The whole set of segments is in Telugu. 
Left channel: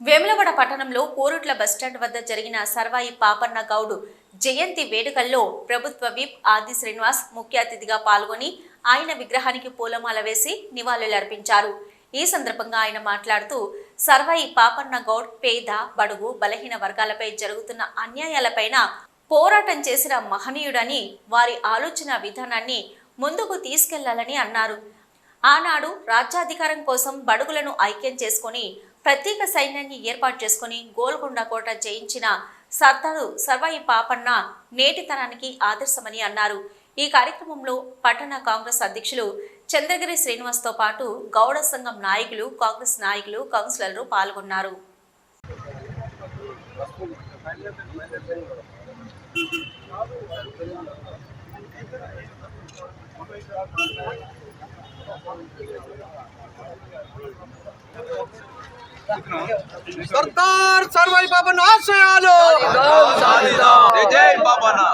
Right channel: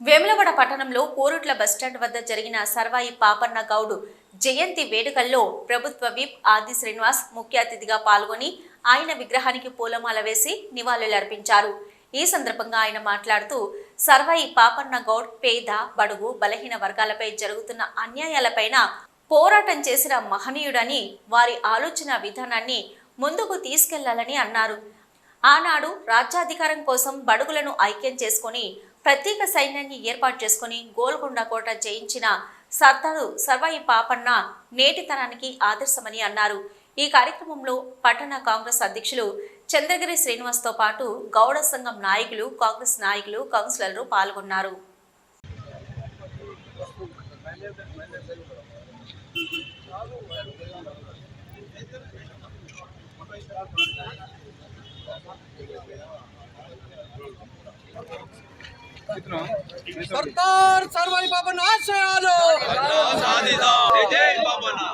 వేములవాడ పట్టణంలో కోరుట్ల బస్టాండ్ వద్ద జరిగిన సర్వాయి పాపన్న గౌడు జయంతి వేడుకల్లో ప్రభుత్వ విప్ ఆది శ్రీనివాస్ ముఖ్య అతిథిగా పాల్గొని ఆయన విగ్రహానికి పూలమాల వేసి నివాళులర్పించారు. ఈ సందర్భంగా ఆయన మాట్లాడుతూ సర్వాయి పాపన్న గౌడ్ పేద బడుగు బలహీన వర్గాలపై జరుగుతున్న అన్యాయాలపైన పోరాటం చేసిన మహనీయుడని వారి ఆలోచన విధానాన్ని ముందుకు తీసుకెళ్ళాలని అన్నారు. ఆనాడు రాజ్యాధికారం కోసం బడుగులను ఐక్యం చేసుకొని ప్రత్యేక సైన్యాన్ని ఏర్పాటు చేసుకొని గోల్కొండ కోట జయించిన సర్దారు సర్వాయి పాపన్న నేటి తరానికి ఆదర్శమని అన్నారు. ఈ కార్యక్రమంలో పట్టణ కాంగ్రెస్ అధ్యక్షులు చంద్రగిరి శ్రీనివాస్తో పాటు గౌడ సంఘం నాయకులు కాంగ్రెస్ నాయకులు కౌన్సిలర్లు పాల్గొన్నారు. సర్దార్ సర్వై బాబా ఆశయాలు జై జై బాబానా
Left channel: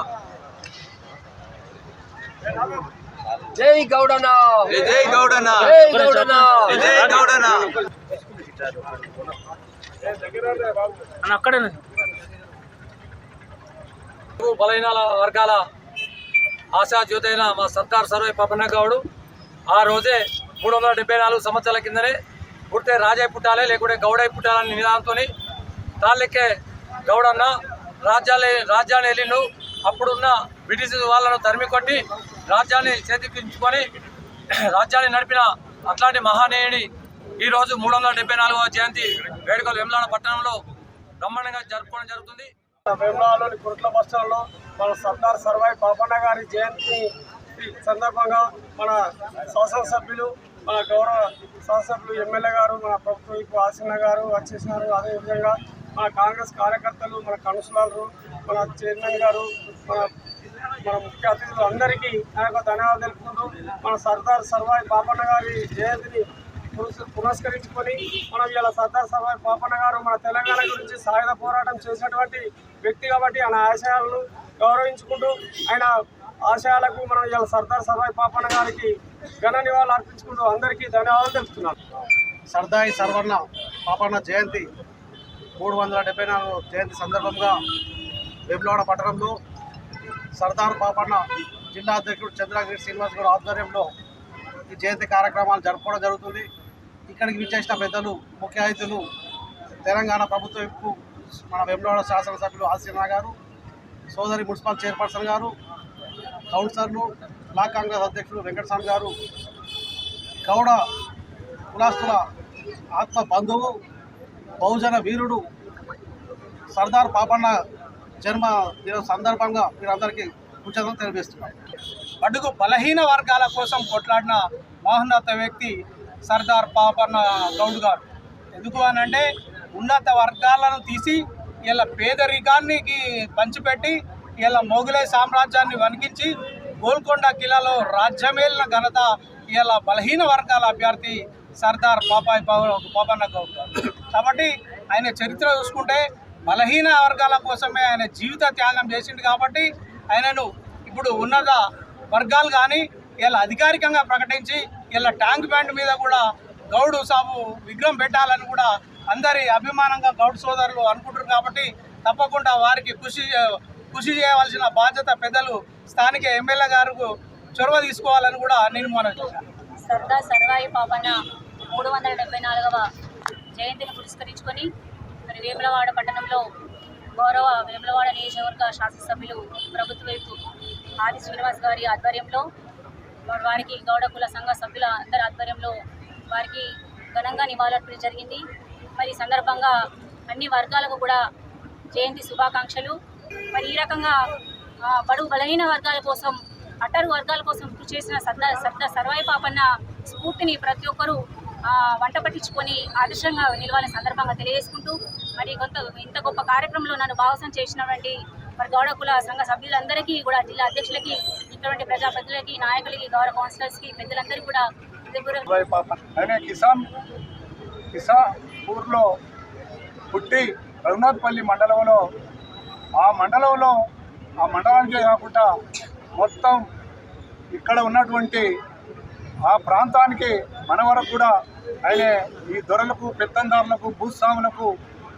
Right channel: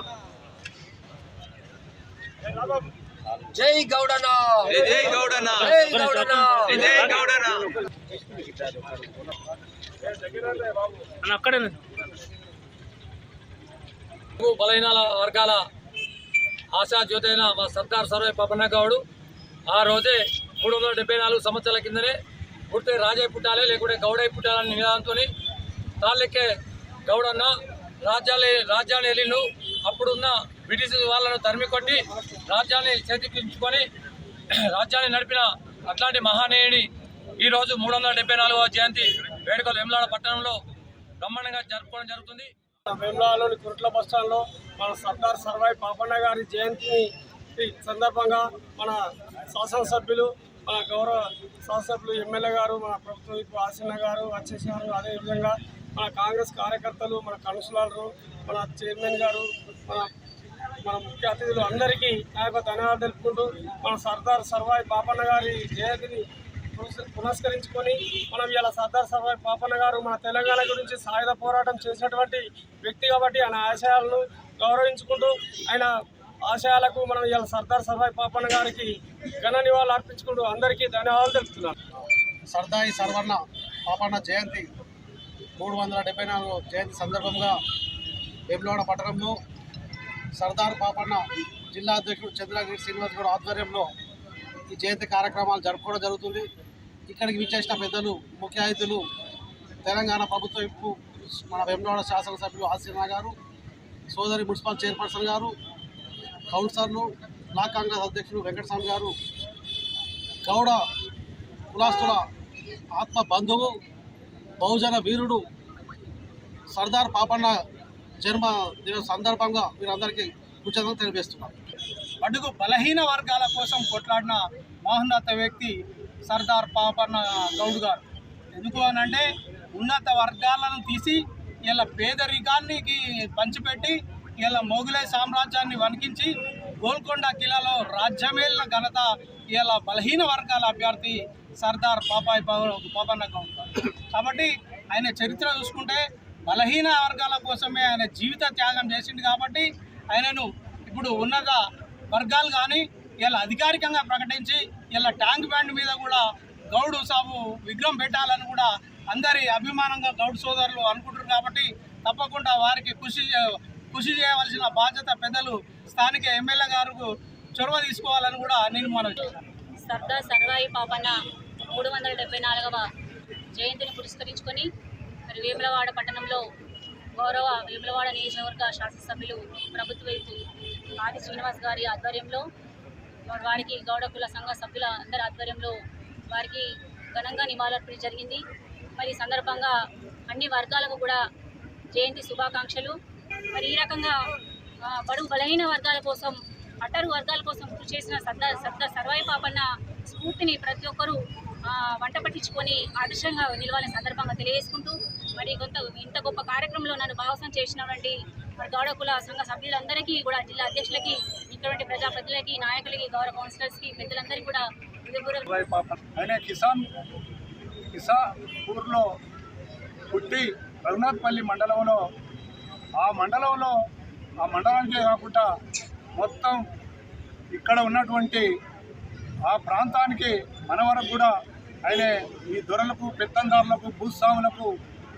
జై గౌడన జై జై గౌడనా జై గౌడన జై గౌడనా బలహీన వర్గాల ఆశా జ్యోతైన మా సర్దార్ సర్వై పపన్న గౌడు ఆ రోజే మూడు వందల డెబ్బై నాలుగు సంవత్సరాల కిందనే పుడితే రాజే పుట్టాలి లేకుంటే గౌడై పుట్టాలని నినాదంతో తాళ్ళెక్కే గౌడన్న రాజ్యాలే రాజ్యాన్ని వెళ్ళిండు అప్పుడున్న బ్రిటిష్ వాళ్ళను తరిమి కొట్టి రాజ్యాన్ని చేతికించుకొని రాజ్యాన్ని నడిపిన అట్లాంటి మహానేయుని ఈరోజు మూడు వందల డెబ్బై నాలుగవ జయంతి వేడుకలు వెమ్లాడ పట్టణంలో బ్రహ్మాండంగా జరుపుకోవడం జరుగుతుంది. వేములవాడలోని కురుట్ల బస్టాండ్లో మన సర్దార్ సర్వాయి పాపన్న గారి జయంతిని సందర్భంగా మన శాసనసభ్యులు మన గౌరవ శాసనసభ్యులు ఎమ్మెల్యే గారు మన ప్రభుత్వం ఇప్పుడు ఆసన్న గారు వచ్చేసినారు. అదేవిధంగా మన కాంగ్రెస్ కార్యకర్తలు మన కౌన్సిలర్లు మన చైర్మన్ గారు మన మన ముఖ్య అతిథులు అందరికీ నా యొక్క ధన్యవాదాలు తెలుపుకుంటూ మన సర్దార్ సర్వాయి పాపన్న గారి జయంతిని పురస్కరించుకొని మనం ఇలా సర్దార్ సర్వాయి పాపన్న గారు మన తెలంగాణ గురించి సాయుధ పోరాటం చేసినటువంటి వ్యక్తి కాబట్టి ఆయన ఆశయాలను గౌరవించుకుంటూ ఆయన ఆశయాలకు మనం ఇవాళ సర్దార్ సర్వాయి పాపన్న గారికి ఘన నివాళులు అర్పించుకుంటూ అందరికీ ధన్యవాదాలు తెలుపుతున్నాను సర్దాయి సర్వర్ణ పాపన్న జయంతి మూడు వందల డెబ్బై నాలుగు జయంతి సందర్భంగా వేములవాడ పట్టణంలో సర్దార్ పాపన్న జిల్లా అధ్యక్షుడు చంద్రగిరి శ్రీనివాస్ గౌడ్ ఆధ్వర్యంలో ఈ జయంతి కార్యక్రమాలు జరుపుకోవడం జరుగుతుంది. ఇక్కడికి విచ్చేసిన పెద్దలు ముఖ్య అతిథులు తెలంగాణ ప్రభుత్వ మన వేములవాడ శాసనసభ్యులు ఆశీర్ణ గారు సోదరి మున్సిపల్ చైర్పర్సన్ గారు కౌన్సిలర్లు బ్లాక్ కాంగ్రెస్ అధ్యక్షుడు వెంకటస్వామి గారు గౌడ కులాస్తుల ఆత్మ బంధువు బహుజన వీరుడు సర్దార్ పాపన్న జన్మ దినం సందర్భంగా మీరందరికీ కృతజ్ఞతలు తెలియజేస్తున్నాను అడుగు బలహీన వర్గాల కోసం కొట్లాడిన మహోన్నత వ్యక్తి సర్దార్ పాపన్న గౌడ్ గారు. ఎందుకు అని అంటే ఉన్నత వర్గాలను తీసి ఇలా పేదరికానికి పంచిపెట్టి ఇలా మొఘలై సామ్రాజ్యాన్ని వణికించి గోల్కొండ కిలాలో రాజ్యమేలిన ఘనత ఇలా బలహీన వర్గాల అభ్యర్థి సర్దార్ పాపాయి పాపన్న గౌడ్ కాబట్టి ఆయన చరిత్ర చూసుకుంటే బలహీన వర్గాల కోసమే ఆయన జీవిత త్యాగం చేసిండు కాబట్టి ఆయనను ఇప్పుడు ఉన్నత వర్గాలు కానీ ఇలా అధికారికంగా ప్రకటించి ఇలా ట్యాంక్ బ్యాండ్ మీద కూడా గౌడు సాబు విగ్రహం పెట్టాలని కూడా అందరి అభిమానంగా గౌడ్ సోదరులు అనుకుంటున్నారు కాబట్టి తప్పకుండా వారికి కృషి కృషి చేయవలసిన బాధ్యత పెద్దలు స్థానిక ఎమ్మెల్యే గారు చొరవ తీసుకోవాలని కూడా నేను మనవి చేశాను. సర్దార్ సర్వాయి పాపన్న మూడు వందల డెబ్బై నాలుగవ జయంతిని పురస్కరించుకొని మరి వేములవాడ పట్టణంలో గౌరవ వేములవాడ నియోజకవర్గ శాసనసభ్యులు ప్రభుత్వ వైపు ఆది శ్రీనివాస్ గారి ఆధ్వర్యంలో మరి వారికి గౌడ కుల సంఘ సభ్యుల అందరి ఆధ్వర్యంలో వారికి ఘనంగా నివాళులర్పణ జరిగింది. మరి సందర్భంగా అన్ని వర్గాలకు కూడా జయంతి శుభాకాంక్షలు. మరి ఈ రకంగా ఆ, బడుగు బలహీన వర్గాల కోసం అట్టరు వర్గాల కోసం కృషి చేసిన సద్ద సద్ద సర్వాయి పాపన్న స్ఫూర్తిని ప్రతి ఒక్కరూ వంట పట్టించుకొని ఆదర్శంగా నిలవాలని సందర్భంగా తెలియజేసుకుంటూ మరి కొంత ఇంత గొప్ప కార్యక్రమంలో నన్ను భాగస్వామ్యం చేసినటువంటి మరి గౌడ కుల సంఘ సభ్యులందరికీ కూడా జిల్లా అధ్యక్షులకి ఇటువంటి ప్రజాప్రతినిధులకి నాయకులకి గౌరవ కౌన్సిలర్స్కి పెద్దలందరికీ కూడా ఆయన కిసాన్ కిసా ఊర్లో పుట్టి రఘునాథ్పల్లి మండలంలో ఆ మండలంలో ఆ మండలానికే కాకుండా మొత్తం ఇక్కడ ఉన్నటువంటి ఆ ప్రాంతానికి మన వరకు కూడా ఆయన ఈ దొరలకు పెత్తందారులకు భూస్వాములకు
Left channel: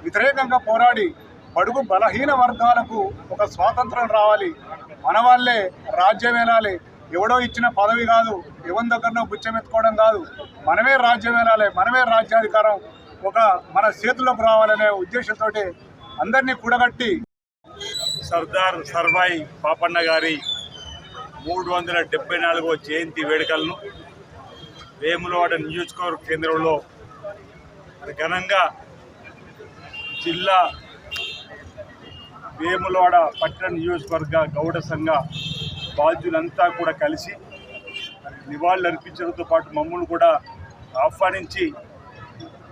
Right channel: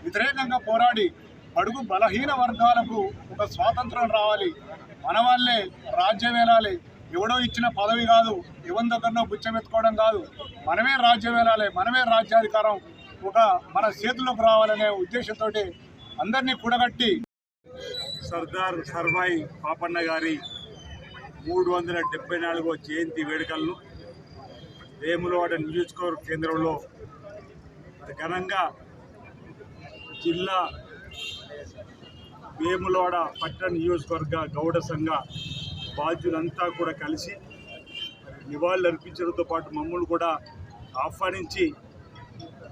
వ్యతిరేకంగా పోరాడి బడుగు బలహీన వర్గాలకు ఒక స్వాతంత్రం రావాలి. మన వాళ్ళే రాజ్యం వెళ్ళాలి ఎవడో ఇచ్చిన పదవి కాదు. ఎవరి దగ్గరనో బుచ్చమెత్తుకోవడం కాదు. మనమే రాజ్యం వెళ్ళాలి మనమే రాజ్యాధికారం ఒక మన చేతుల్లోకి రావాలనే ఉద్దేశంతో అందరినీ కూడగట్టి సర్దార్ సర్వాయి పాపన్న గారి మూడు వందల డెబ్బై నాలుగవ జయంతి వేడుకలను వేములవాడ నియోజకవర్గ కేంద్రంలో మరి ఘనంగా జిల్లా వేములవాడ పట్టణ నియోజకవర్గ గౌడ సంఘ బాధ్యులంతా కూడా కలిసి మరి నివాళులు అర్పించడంతో పాటు మమ్మల్ని కూడా ఆహ్వానించి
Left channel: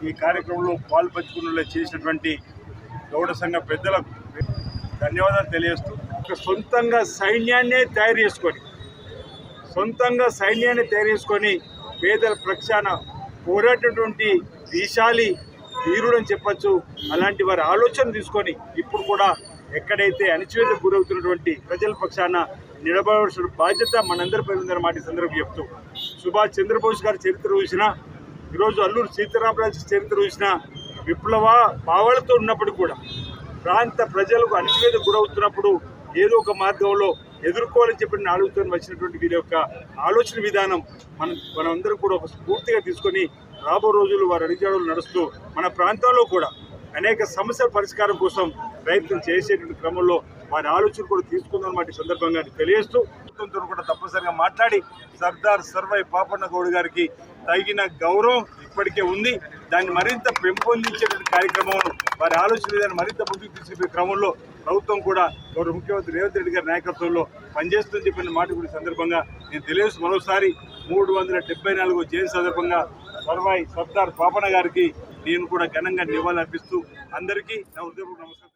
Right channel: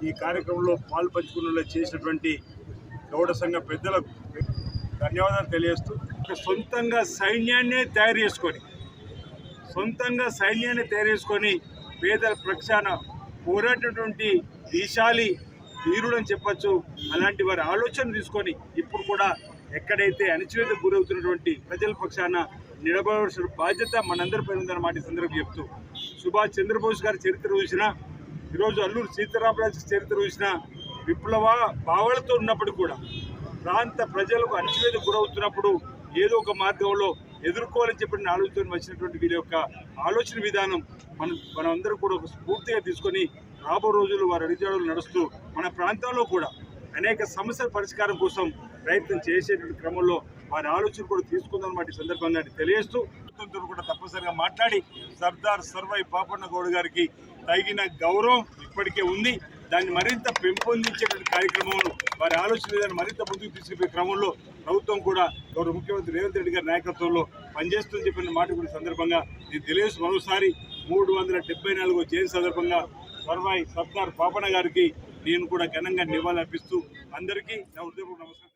ఈ కార్యక్రమంలో పాల్పంచుకునేలా చేసినటువంటి గౌడ సంఘ పెద్దలకు ధన్యవాదాలు తెలియజేస్తూ ఇక సొంతంగా సైన్యాన్నే తయారు చేసుకొని సొంతంగా సైన్యాన్ని తయారు చేసుకొని పేదల ప్రక్షాన పోరాటటువంటి దీశాలి వీరుడు అని చెప్పచ్చు. అలాంటి వారి ఆలోచన తీసుకొని ఇప్పుడు కూడా ఎక్కడైతే అణచివేతకు గురవుతున్నటువంటి ప్రజల పక్షాన నిలబడవలసిన బాధ్యత మనందరిపై ఉందన్న మాట ఈ సందర్భంగా చెప్తూ సుభాష్ చంద్రబోస్ గారి చరిత్ర చూసినా ఈరోజు అల్లూరు సీతారామరాజు చరిత్ర చూసినా విప్లవ భావాలతో ఉన్నప్పటికీ కూడా ప్రాంత ప్రజలకు అణచివేత గురవుతున్నప్పుడు ఏదో ఒక మార్గంలో ఎదుర్కోవాలని చెప్పిన ఆలోచన వచ్చినటువంటి వీరి యొక్క ఆలోచన విధానం మనం మనందరం కూడా ఒక స్ఫూర్తిగా తీసుకొని రాబో రోజులు వారి అడిగాడులు నడుస్తూ మన ప్రాంతాల్లో కూడా అనేక సమస్యల పరిష్కారం కోసం ప్రయత్నం చేసేటువంటి క్రమంలో వారి ఆలోచన కూడా తీసుకుందన్నమాట ఈ సందర్భంగా తెలియజేస్తూ కూడా తప్పనిసరిగా మాట్లాడి సర్దార్ సర్వై పాపన్న గౌడ్ గారికి తగిన గౌరవం ఇప్పటికే ఉంది. దాన్ని మరింత పెంపొందించేటువంటి కార్యక్రమం వారి ఆలోచన విధానం మరింత ముందుకు తీసుకునే క్రమంలో ప్రభుత్వం కూడా గౌరవ ముఖ్యమంత్రి రేవంత్ రెడ్డి గారి నాయకత్వంలో పనిచేస్తుందని చెప్పిన మాట కూడా సందర్భంగా నేను తెలియజేస్తూ మరోసారి మూడు వందల డెబ్బై నాలుగు జయంతి సందర్భంగా సర్వాయి సర్దార్ పాపన గారికి నేను కూడా ఘనంగా నివాళులు అర్పిస్తూ అందరికీ నా హృదయపూర్వక నమస్కారం.